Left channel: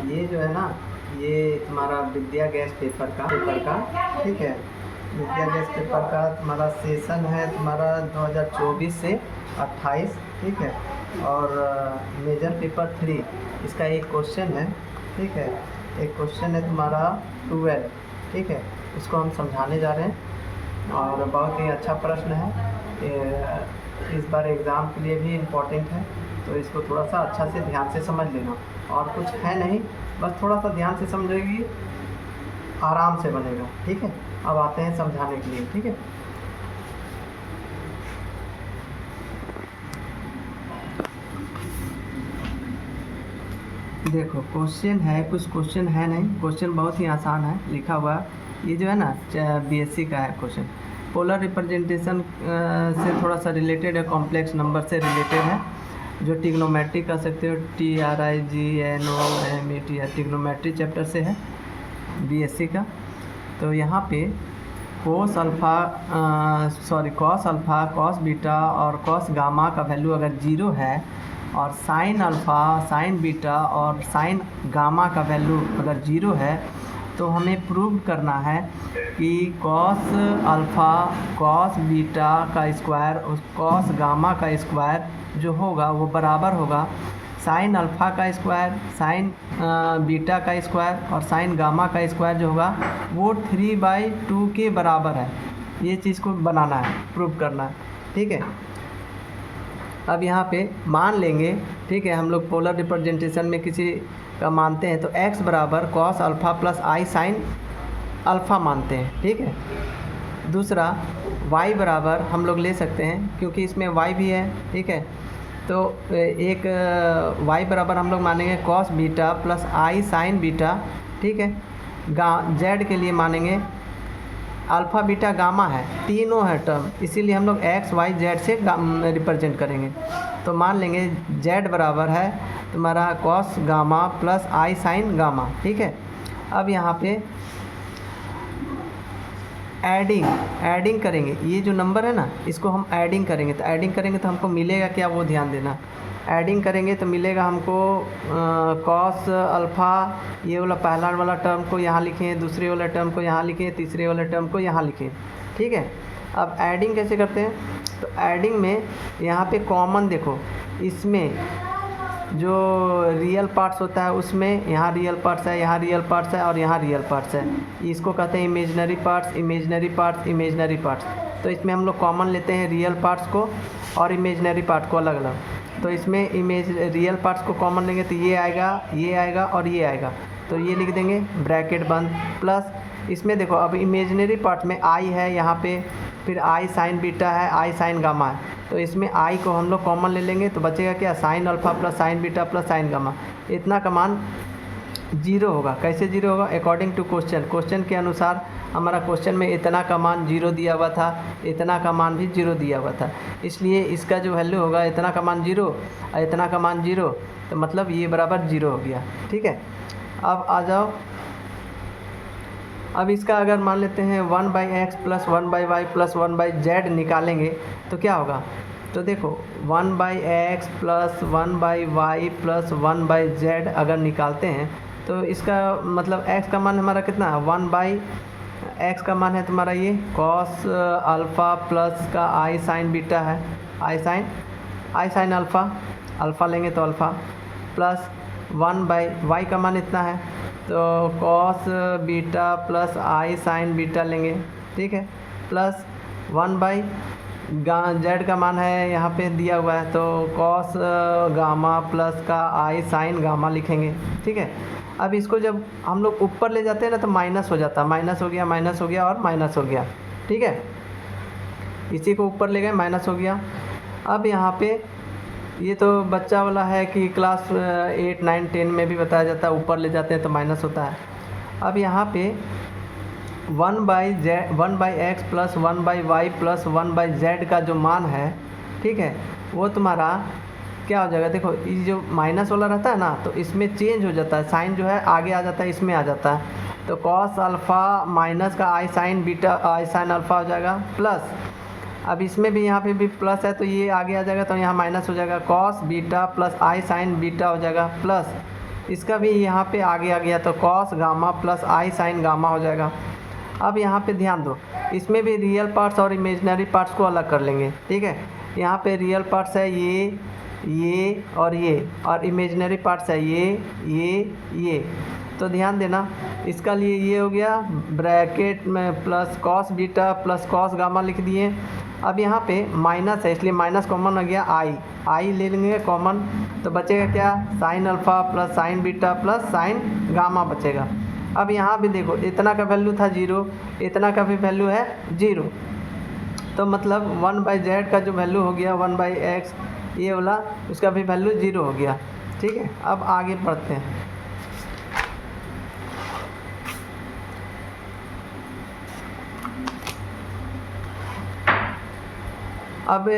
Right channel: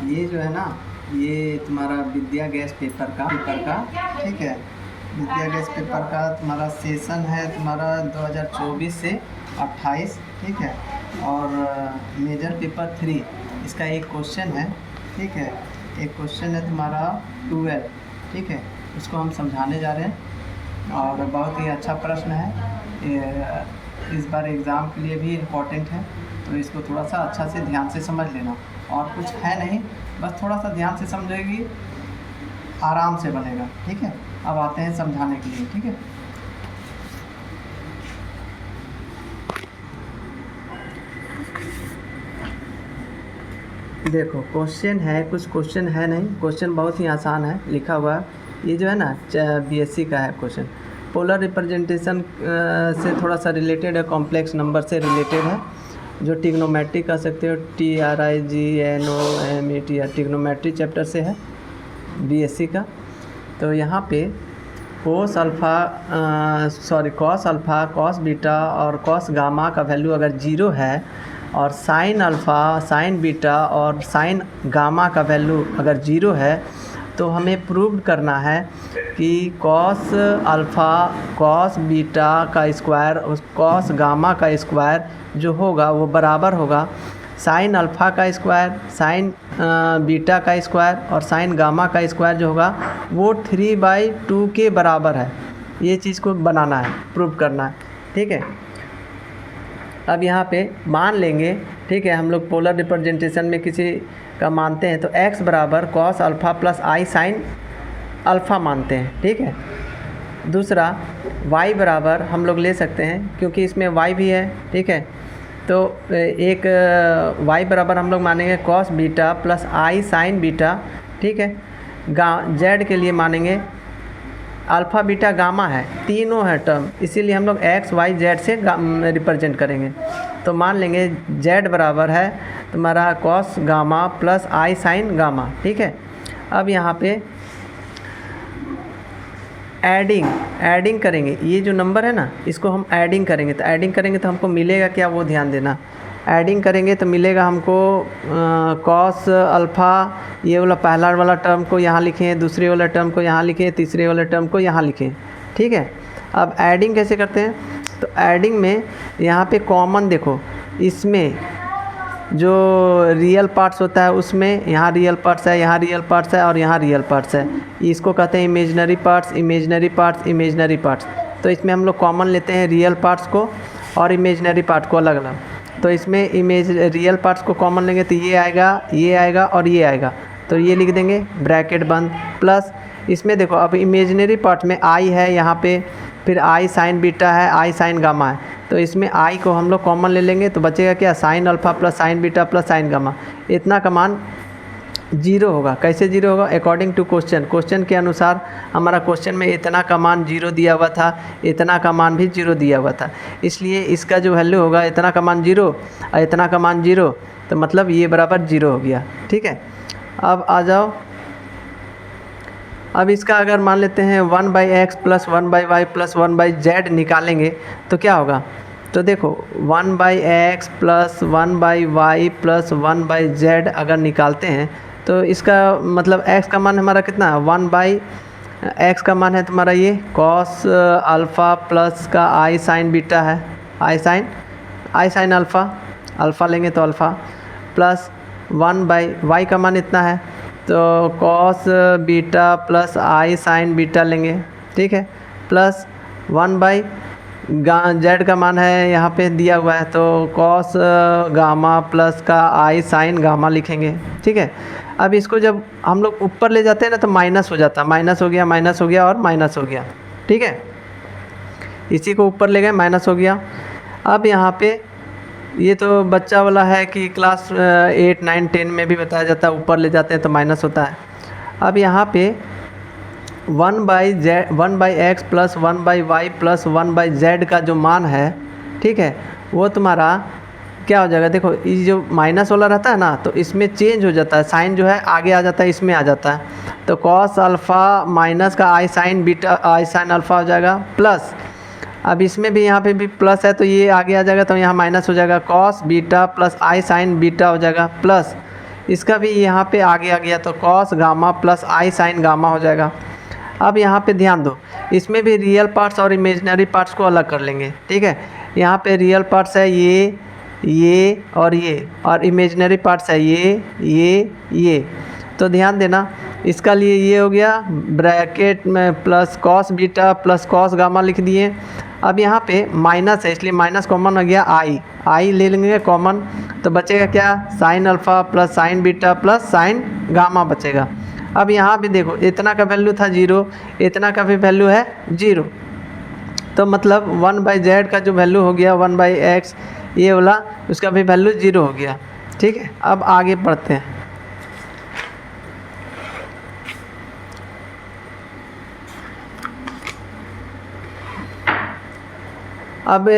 ये जो है ना, ये तुम्हारा विद्या गैस पेपर का ठीक है। विद्या गैस पेपर का तुम्हारा सेशन है तुम्हारा 2024 से 28, ठीक है। और मेजर पेपर 3 इसका एक क्वेश्चन है, ठीक है। एक क्वेश्चन है तुम्हारा 12, ठीक है। उसको हम समझाने जा रहे हैं और बहुत ही अच्छा प्रश्न है। इस बार एग्ज़ाम के लिए भी इम्पोर्टेंट है, तो इसको थोड़ा सा अच्छा से ध्यान से समझ लेना। और कुछ है नहीं, बस थोड़ा सा ध्यान से समझेगी, आराम से बनेगा, ठीक है। अब आते हैं समझाने के लिए, ठीक है। देखो क्वेश्चन है, कुछ क्वेश्चन है नहीं, क्वेश्चन बहुत ही आसान है लिखा हुआ। ये जो है ना बीएससी का है क्वेश्चन। पोलर रिप्रेजेंटेशन से थोड़ा सा रिलेटेड है, कॉम्प्लेक्स नंबर से रिलेटेड है, जो ट्रिग्नोमेट्री कह सकते हो, TRIGNOMETR ट्रिग्नोमेट्री चैप्टर से है बीएससी का। तो यहाँ पे कॉस अल्फ़ा, कॉस बीटा और कॉस गामा का वैल्यू अगर 0 है और साइन अल्फ़ा, साइन बीटा और साइन गामा का वैल्यू अगर 0 है, तो हमें प्रूव करना है कि कॉस अल्फ़ा, कॉस बीटा का स्क्वायर उस कॉस गामा का स्क्वायर जो होगा वो बराबर होगा साइन अल्फ़ा का स्क्वायर, साइन बीटा का स्क्वायर और साइन गामा का स्क्वायर जो होगा वो 3/2 के बराबर है। ये चीज़ को बनाना है, प्रूव करना है, ठीक है। अब यहाँ पे मान लेंगे, ठीक है, हम लोग पोलर रिप्रेजेंटेशन में किसी का मानते हैं तो x बराबर कॉस अल्फ़ा प्लस आई साइन अल्फ़ा मानते हैं, ठीक है। दूसरा y बराबर हम लोग ले सकते हैं क्योंकि इसमें y भी है, ठीक है। तो एक y बराबर हम लोग मानेंगे कॉस बीटा प्लस आई साइन बीटा, ठीक है। z के लिए मानेंगे अल्फ़ा बीटा गामा है, तीनों है टर्म, इसीलिए हम लोग x y z से रिप्रेजेंट करेंगे। तो मान लेंगे z बराबर है तुम्हारा कॉस गामा प्लस आई साइन गामा, ठीक है। अब यहाँ पे एडिंग करेंगे, ये जो नंबर है ना इसको हम एडिंग करेंगे। तो एडिंग करेंगे तो हमको मिलेगा क्या, वो ध्यान देना। एडिंग करेंगे तो मिलेगा हमको कॉस अल्फ़ा, ये वाला पहला वाला टर्म को यहाँ लिखें, दूसरे वाला टर्म को यहाँ लिखें, तीसरे वाले टर्म को यहाँ लिखें, ठीक है। अब एडिंग कैसे करते हैं, तो एडिंग में यहाँ पे कॉमन देखो, इसमें जो रियल पार्ट्स होता है उसमें यहाँ रियल पार्ट्स है, यहाँ रियल पार्ट्स है और यहाँ रियल पार्ट्स है। इसको कहते हैं imaginary parts, imaginary parts, imaginary parts. तो इसमें हम लोग कॉमन लेते हैं रियल पार्ट्स को और इमेजनरी पार्ट को अलग अलग। तो इसमें रियल पार्ट्स को कॉमन लेंगे तो ये आएगा और ये आएगा, तो ये लिख देंगे ब्रैकेट बंद। प्लस इसमें देखो अब इमेजनरी पार्ट में आई है यहाँ पे, फिर आई साइन बीटा है, आई साइन गामा है, तो इसमें आई को हम लोग कॉमन ले लेंगे तो बचेगा क्या, sine alpha plus sign beta plus sign gamma. इतना का मान 0 होगा। कैसे 0 होगा, अकॉर्डिंग टू क्वेश्चन के अनुसार हमारा क्वेश्चन में इतना का मान 0 दिया हुआ था, इतना का मान भी 0 दिया हुआ था, इसलिए इसका जो वैल्यू होगा इतना का मान 0 और इतना का मान 0, तो मतलब ये बराबर 0 हो गया, ठीक है। अब आ जाओ, अब इसका अगर मान लेते हैं 1/x plus 1/y plus 1/z निकालेंगे तो क्या होगा, तो देखो 1/x plus 1/y plus 1/z अगर निकालते हैं तो इसका मतलब x का मान हमारा कितना है, 1/x का मान है तुम्हारा ये कॉस अल्फ़ा प्लस का आई साइन बीटा है, आई साइन अल्फ़ा लेंगे तो अल्फ़ा प्लस 1/y का मान इतना है तो कॉस बीटा प्लस आई साइन बीटा लेंगे, ठीक है। प्लस 1/z का मान है यहाँ पे दिया हुआ है तो कॉस गामा प्लस का आई साइन गामा लिखेंगे, ठीक है। अब इसको जब हम लोग ऊपर ले जाते हैं ना तो माइनस हो जाता है, माइनस हो गया और माइनस हो गया, ठीक है। इसी को ऊपर ले गए, माइनस हो गया। अब यहाँ पे ये तो बच्चा वाला है कि क्लास 8, 9, 10 में भी बताया जाता है, ऊपर ले जाते हैं तो माइनस होता है। अब यहाँ पे 1/x plus 1/y plus 1/z का जो मान है, ठीक है, वो तुम्हारा क्या हो जाएगा, देखो ये जो माइनस वाला रहता है ना तो इसमें चेंज हो जाता है, साइन जो है आगे आ जाता है, इसमें आ जाता है। तो कॉस अल्फ़ा माइनस का आई साइन बीटा आई साइन अल्फ़ा हो जाएगा प्लस, अब इसमें भी यहाँ पे भी प्लस है तो ये आगे आ जाएगा तो यहाँ माइनस हो जाएगा, कॉस बीटा प्लस आई साइन बीटा हो जाएगा प्लस इसका भी यहाँ पे आगे आ गया तो कॉस गामा प्लस आई साइन गामा हो जाएगा। अब यहाँ पे ध्यान दो, इसमें भी रियल पार्ट्स और इमेजिनरी पार्ट्स को अलग कर लेंगे, ठीक है। यहाँ पे रियल पार्ट्स है ये और इमेजिनरी पार्ट्स है ये। तो ध्यान देना, इसका लिए ये हो गया ब्रैकेट में plus cos beta plus cos gamma लिख दिए। अब यहाँ पे माइनस है इसलिए माइनस कॉमन हो गया, आई ले लेंगे कॉमन, तो बचेगा क्या, sine alpha plus sign beta plus sign gamma बचेगा। अब यहाँ भी देखो, इतना का वैल्यू था 0, इतना का भी वैल्यू है 0, तो मतलब 1/z का जो वैल्यू हो गया 1/x ये वाला, उसका भी वैल्यू 0 हो गया, ठीक है। अब आगे बढ़ते हैं। अब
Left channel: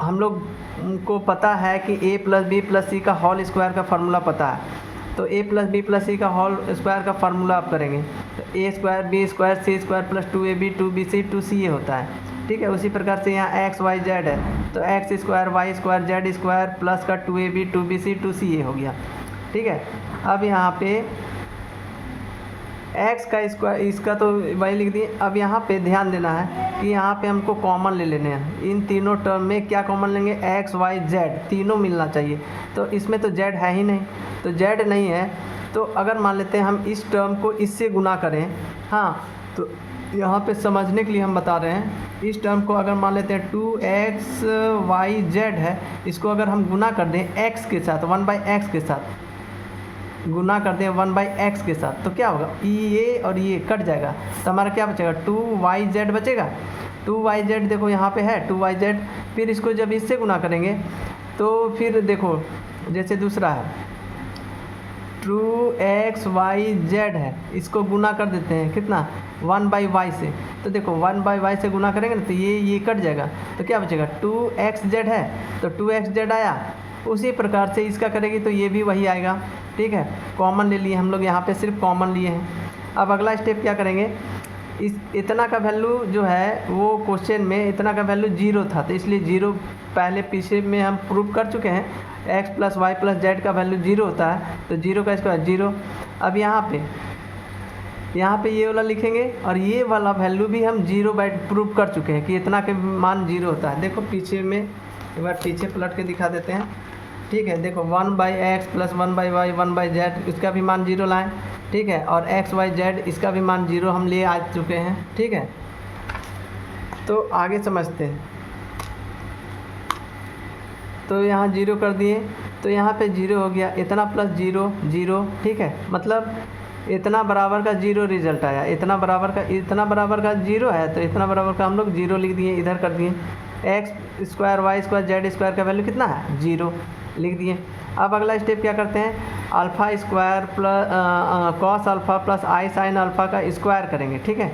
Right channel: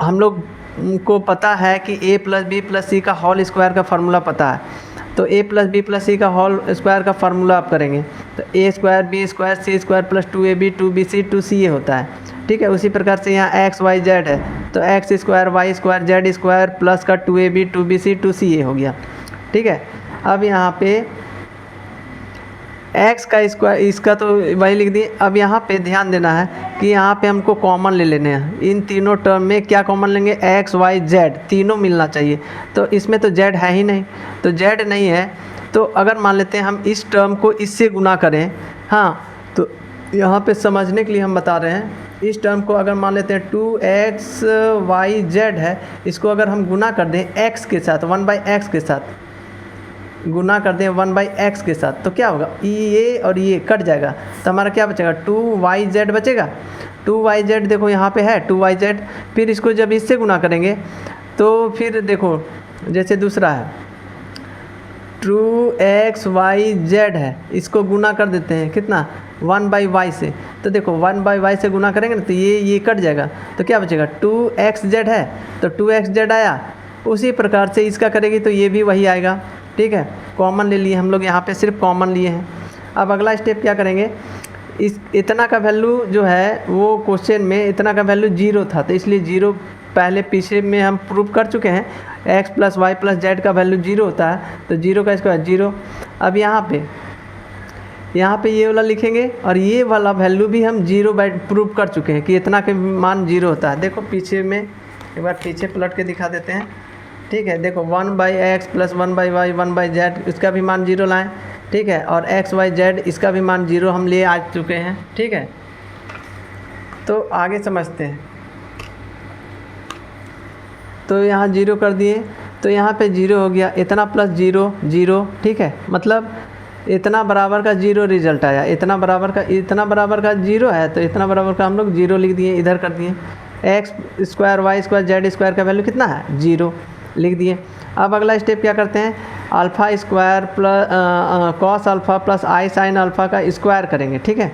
हम लोग को पता है कि a + b + c का होल स्क्वायर का फार्मूला पता है, तो a + b + c का होल स्क्वायर का फार्मूला आप करेंगे तो a² b² c² + 2ab 2bc 2ca होता है, ठीक है। उसी प्रकार से यहाँ x y z है तो x² y² z² प्लस का 2ab 2bc 2ca हो गया, ठीक है। अब यहाँ पे x का स्क्वायर, इसका तो वही लिख दिए। अब यहाँ पे ध्यान देना है कि यहाँ पे हमको कॉमन ले लेने हैं, इन तीनों टर्म में क्या कॉमन लेंगे, x y z तीनों मिलना चाहिए। तो इसमें तो z है ही नहीं, तो z नहीं है, तो अगर मान लेते हैं हम इस टर्म को इससे गुना करें, हाँ, तो यहाँ पे समझने के लिए हम बता रहे हैं, इस टर्म को अगर मान लेते हैं 2x y z है, इसको अगर हम गुना कर दें x के साथ 1/x के साथ गुना कर दें 1/x के साथ, तो क्या होगा, ये और ये कट जाएगा, तो हमारा क्या बचेगा 2yz बचेगा। 2yz देखो यहाँ पे है 2yz, फिर इसको जब इससे गुना करेंगे तो फिर देखो जैसे दूसरा है 2xyz है, इसको गुना कर देते हैं कितना 1/y से, तो देखो 1/y से गुना करेंगे ना तो ये कट जाएगा, तो क्या बचेगा 2xz है, तो 2xz आया। उसी प्रकार से इसका करेंगे तो ये भी वही आएगा, ठीक है। कॉमन ले लिए हम लोग, यहाँ पे सिर्फ कॉमन लिए हैं। अब अगला स्टेप क्या करेंगे, इस इतना का वैल्यू जो है वो क्वेश्चन में इतना का वैल्यू 0 था, तो इसलिए 0 पहले पीछे में हम प्रूव कर चुके हैं, x + y + z का वैल्यू 0 होता है, तो 0 का स्क्वायर 0। अब यहाँ पे ये वाला लिखेंगे और ये वाला वैल्यू भी हम 0 बाई प्रूव कर चुके हैं कि इतना के मान 0 होता है। देखो पीछे में एक बार पीछे पलट के दिखा देते हैं, ठीक है। देखो 1/x + 1/y 1/z इसका भी मान 0 लाएं, ठीक है, और x y z इसका भी मान 0 हम ले आ चुके हैं, ठीक है। तो आगे समझते हैं, तो यहाँ 0 कर दिए, तो यहाँ पे 0 हो गया, इतना + 0 0, ठीक है, मतलब इतना बराबर का 0 रिजल्ट आया, इतना बराबर का 0 है, तो इतना बराबर का हम लोग 0 लिख दिए, इधर कर दिए। x² y² z² का वैल्यू कितना है 0 लिख दिए। अब अगला स्टेप क्या करते हैं, α² प्लस कॉस अल्फ़ा प्लस आई साइन अल्फ़ा का स्क्वायर करेंगे, ठीक है,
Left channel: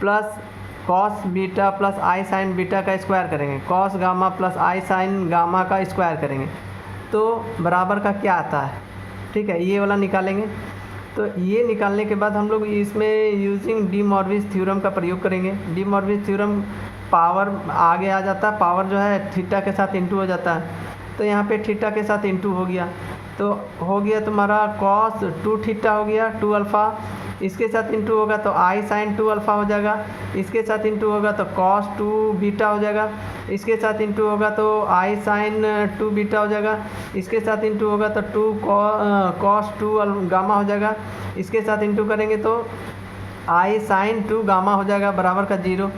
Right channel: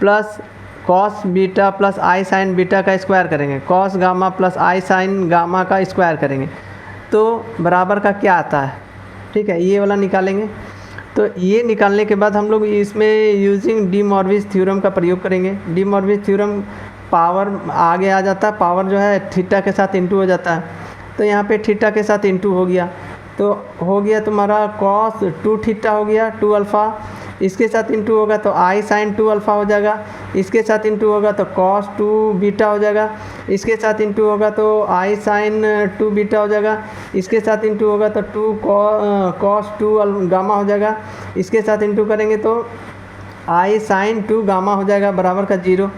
प्लस कॉस बीटा प्लस आई साइन बीटा का स्क्वायर करेंगे, कॉस गामा प्लस आई साइन गामा का स्क्वायर करेंगे, तो बराबर का क्या आता है, ठीक है, ये वाला निकालेंगे। तो ये निकालने के बाद हम लोग इसमें यूजिंग डी मॉर्विस थ्योरम का प्रयोग करेंगे। डी मॉर्विस थ्योरम पावर आगे आ जाता है, पावर जो है थीटा के साथ इंटू हो जाता है, तो यहाँ पे थीटा के साथ इंटू हो गया, तो हो गया तुम्हारा कॉस 2 थीटा हो गया 2 अल्फ़ा, इसके साथ इंटू होगा तो आई साइन 2 अल्फ़ा हो जाएगा, इसके साथ इंटू होगा तो कॉस 2 बीटा हो जाएगा, इसके साथ इंटू होगा तो आई साइन 2 बीटा हो जाएगा, इसके साथ इंटू होगा तो 2 कॉस 2 गामा हो जाएगा, इसके साथ इंटू करेंगे तो आई साइन 2 गामा हो जाएगा बराबर का 0,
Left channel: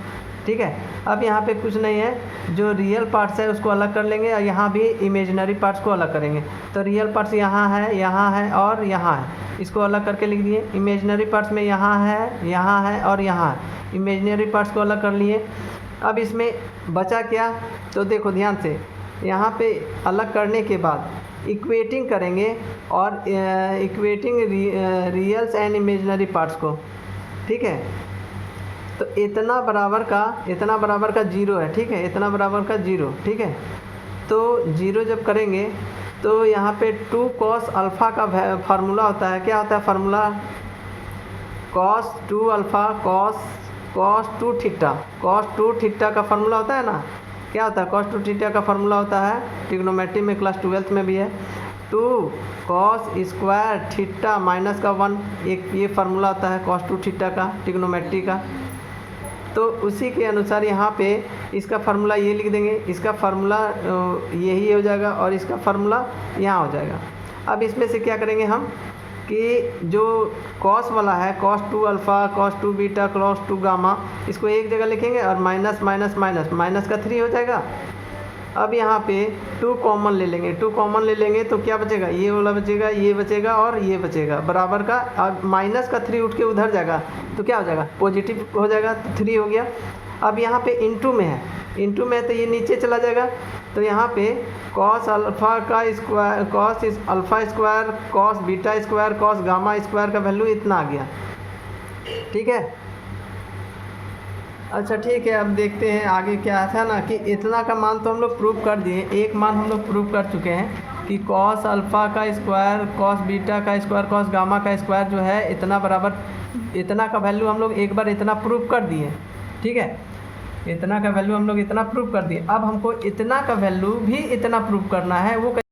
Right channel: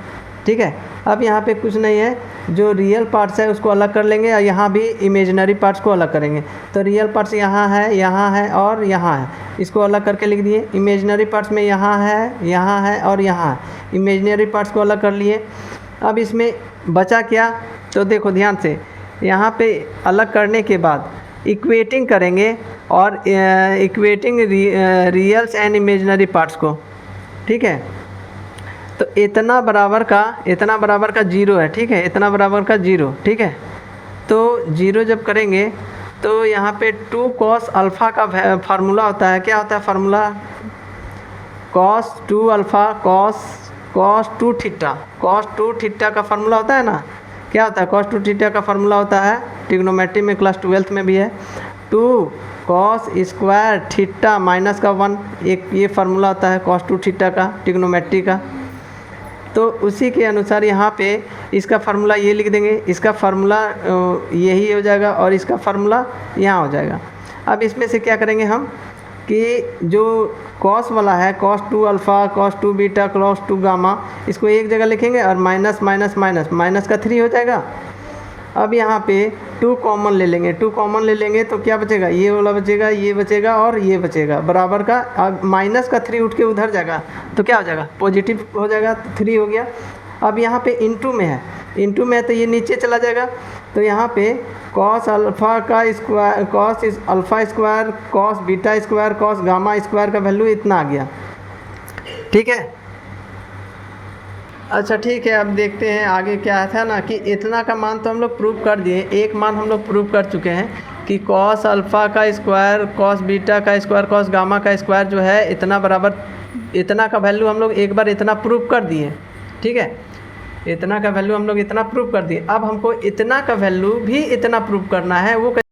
ठीक है। अब यहाँ पे कुछ नहीं है, जो रियल पार्ट्स है उसको अलग कर लेंगे और यहाँ भी इमेजिनरी पार्ट्स को अलग करेंगे। तो रियल पार्ट्स यहाँ है और यहाँ है, इसको अलग करके लिख दिए। इमेजिनरी पार्ट्स में यहाँ है और यहाँ है, इमेजिनरी पार्ट्स को अलग कर लिए। अब इसमें बचा क्या, तो देखो ध्यान से, यहाँ पे अलग करने के बाद इक्वेटिंग करेंगे और इक्वेटिंग रियल्स एंड इमेजिनरी पार्ट्स को, ठीक है। तो इतना बराबर का 0 है, ठीक है, इतना बराबर का 0, ठीक है। तो 0 जब करेंगे तो यहाँ पे 2 कॉस अल्फ़ा का फार्मूला होता है, क्या होता है formula, cos 2 alpha cos 2 theta का फार्मूला होता है ना, क्या होता है, कॉस 2 थीटा का फार्मूला होता है, ट्रिग्नोमेट्री में क्लास 12th में भी है, 2 कॉस स्क्वायर थीटा माइनस का 1, एक ये फार्मूला होता है कॉस 2 थीटा का ट्रिग्नोमेट्री का। तो उसी के अनुसार यहाँ पे इसका फार्मूला ये लिख देंगे, इसका फार्मूला यही हो जाएगा और इसका फार्मूला यहाँ हो जाएगा। अब इसमें से क्या करेंगे हम कि जो कॉस वाला है cos 2 alpha, cos 2 beta, cos 2 gamma, इसको एक जगह लिखेंगे और माइनस माइनस माइनस माइनस का 3 हो जाएगा। अब यहाँ पे 2 कॉमन ले लेंगे, 2 कॉमन ले लेंगे तो क्या बचेगा, ये वाला बचेगा, ये बचेगा और ये बचेगा बराबर का। अब माइनस का 3 उठ के उधर जाएगा तो क्या हो जाएगा, पॉजिटिव हो जाएगा, तो 3 हो गया। अब यहाँ पे इनटू में है, इनटू में है तो ये नीचे चला जाएगा। तो यहाँ पे कॉस अल्फ़ा का square, cos alpha square, cos beta square, cos gamma square का वैल्यू इतना आ गया। ठीक है, अच्छा ठीक है। अब देखते हैं आगे क्या था ना कि इतना का मान तो हम लोग प्रूव कर दिए, एक मान हम लोग प्रूव कर चुके हैं कि कॉस अल्फ़ा का स्क्वायर, कॉस बीटा का स्क्वायर, कॉस गामा का स्क्वायर जो है इतना बराबर, इतना का वैल्यू हम लोग एक बार इतना प्रूव कर दिए। ठीक है, इतना का वैल्यू हम लोग इतना प्रूव कर दिए। अब हमको इतना का वैल्यू भी इतना प्रूव करना है, वो